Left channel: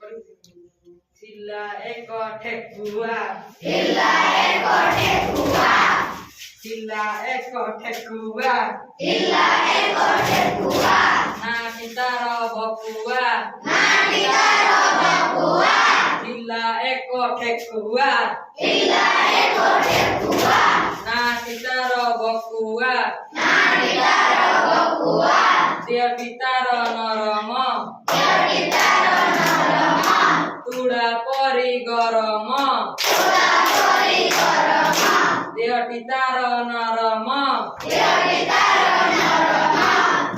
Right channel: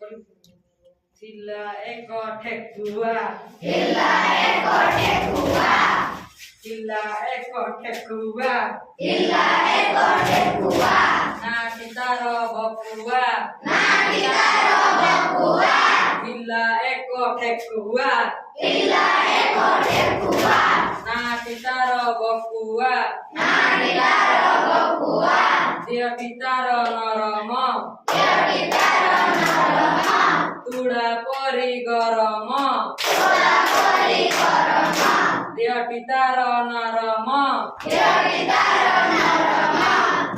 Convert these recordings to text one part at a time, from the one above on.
Sila eko thekua Sila eko thekua Sila eko thekua Sila eko thekua Nati taro bokua Nati taro bokua Sila eko thekua Sila eko thekua Nati taro bokua Nati taro bokua Dia pitaro noromo Dia pitaro noromo Tuda pori goromo Tuda pori goromo Dia pitaro noromo Dia pitaro noromo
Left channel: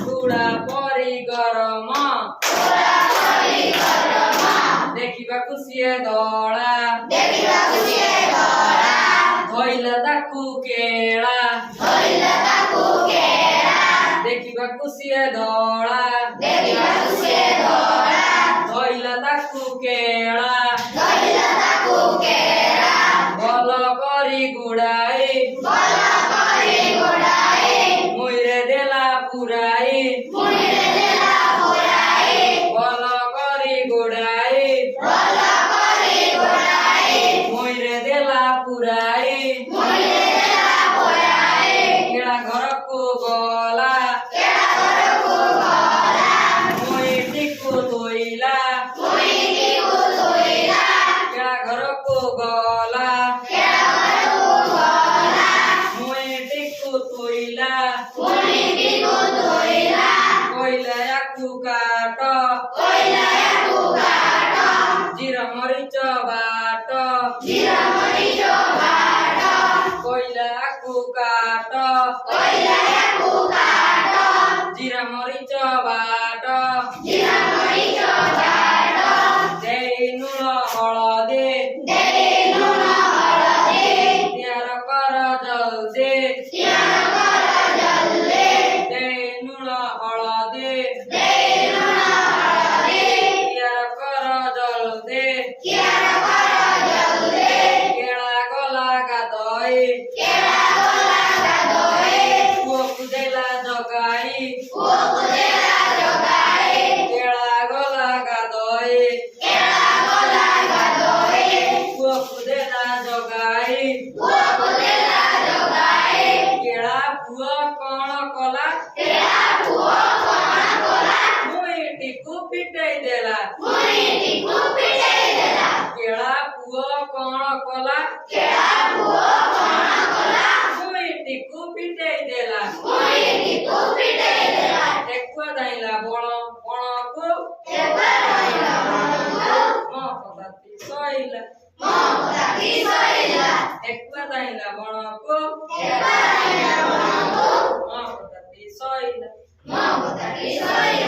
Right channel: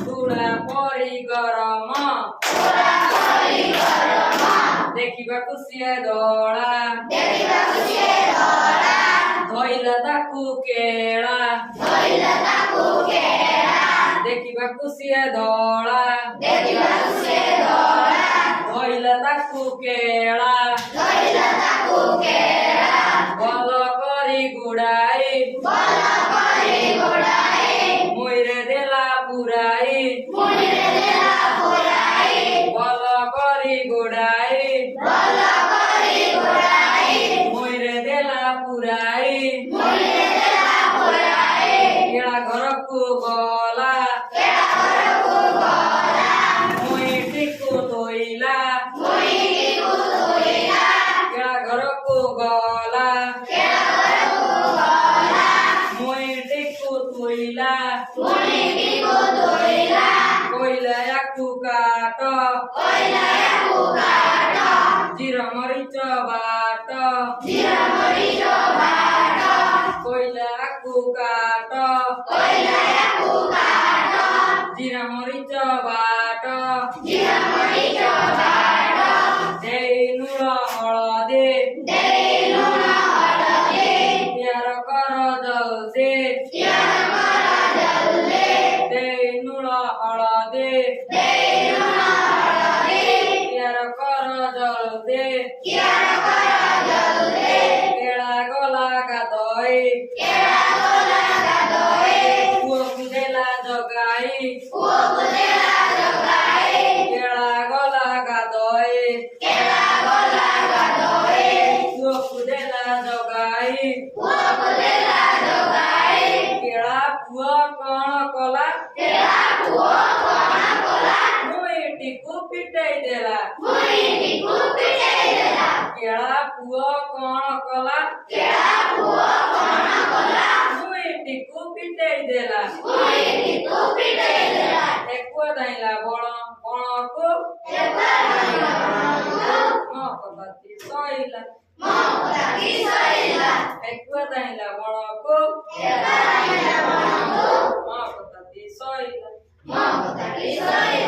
Tuda pori goromo Tuda pori goromo Dekhibaku siye dola Dekhibaku siye dola Dhoila taku kela Dhoila taku kela Dekhibaku siye dola Dekhibaku siye dola Dhoila taku kela Dhoila taku kela Bolo kori gudai Bolo kori gudai Muire dela purai Muire dela purai Bolo kori gudai Bolo kori gudai Muire dela purai Muire dela purai Kela gharaku gola Kela gharaku gola Mui tiku toila Mui tiku toila Kela gharaku gola Kela gharaku gola Mui tiku toila Mui tiku toila Koila yaku kato Koila yaku kato Jira merica bato Jira merica bato Koila yaku kato Koila yaku kato Jira merica bato Jira merica bato Dei nulo holode Dei nulo holode Tiara kara jalde Tiara kara jalde Dei nulo holode Dei nulo holode Tiara kara jalde Tiara kara jalde Kela gola gadoi Kela gola gadoi Puoku dela jogai Puoku dela jogai Kela gola gadoi Kela gola gadoi Puoku dela jogai Puoku dela jogai Kela puo kono kola Kela puo kono kola Mui tiku pitai dela Mui tiku pitai dela Kela puo kono kola Kela puo kono kola Mui tiku pitai dela Mui tiku pitai dela Tekua daila bolo boloku Tekua daila boloku Mo kotati soila Mo kotati soila Tekua daila boloku Tekua daila boloku Mo kotati soila Mo kotati soila